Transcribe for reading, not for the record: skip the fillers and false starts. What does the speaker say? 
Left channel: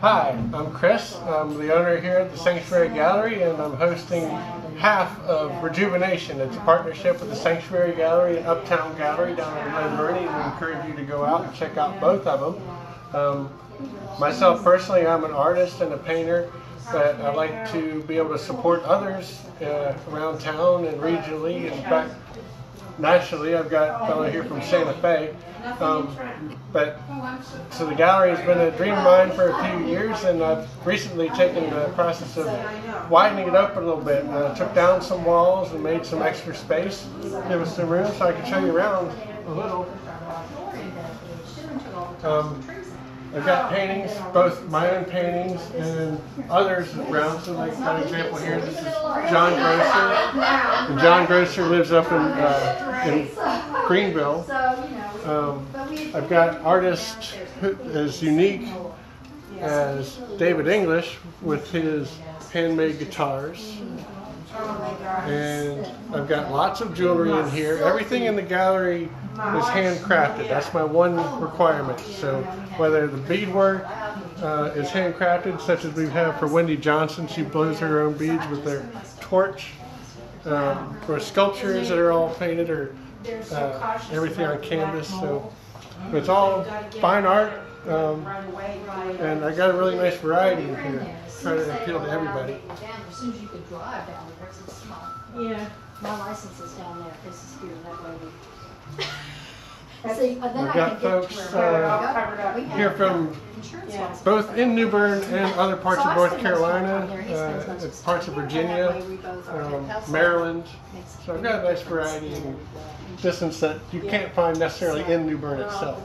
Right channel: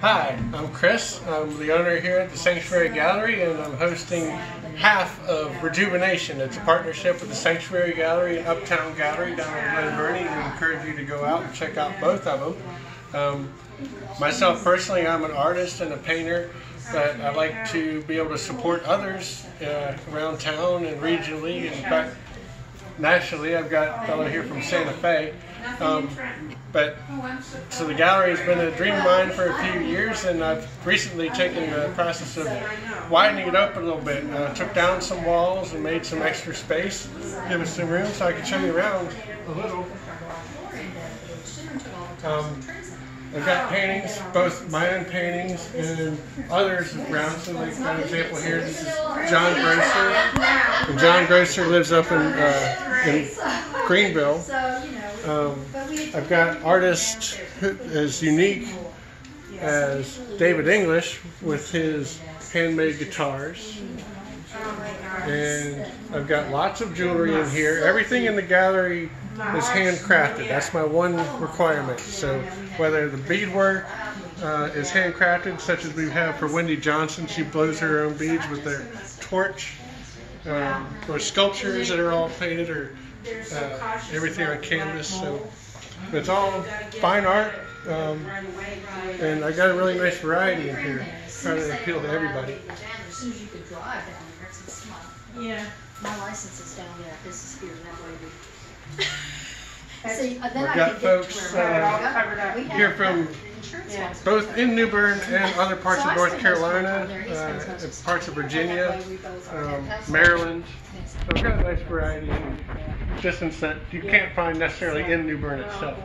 Hi, I'm Chris. I'm the owner here at the Sanctuary Gallery, and I'm hosting half of Rejuvenation. It's a partnership with the Sanctuary Gallery and Uptown Gallery down in Glen Burnie. We encourage you to go out and check out both of them. Myself personally, I'm an artist and a painter, but I like to be able to support others around town and regionally. In fact, nationally, I've got a fellow here from Santa Fe. So the gallery has been a dream of mine for a few years, and I've recently taken the process of widening it up a little bit. Took down some walls and made some extra space, give us some room so I can show you around a little. I've got paintings, both my own paintings and others around. So like, for example, here, this is John Grosser. And John Grosser lives up in Greenville. I've got artists as unique as David English with his handmade guitars. And I've got lots of jewelry in here. Everything in the gallery is handcrafted. That's my one requirement. So whether the beadwork is handcrafted, such as we have for Wendy Johnson, she blows her own beads with their torch, or sculptures that are all painted, or everything on canvas. So it's all fine art, and I got a really nice variety in here, trying to appeal to everybody. As soon as you could drive down there, because it's small. Yeah. My license is down there. This is here, that way. See, then We've got folks here from both in New Bern and other parts of North Carolina, parts of Virginia, Maryland. So we've got a nice variety in distance that you can't find necessarily in New Bern itself.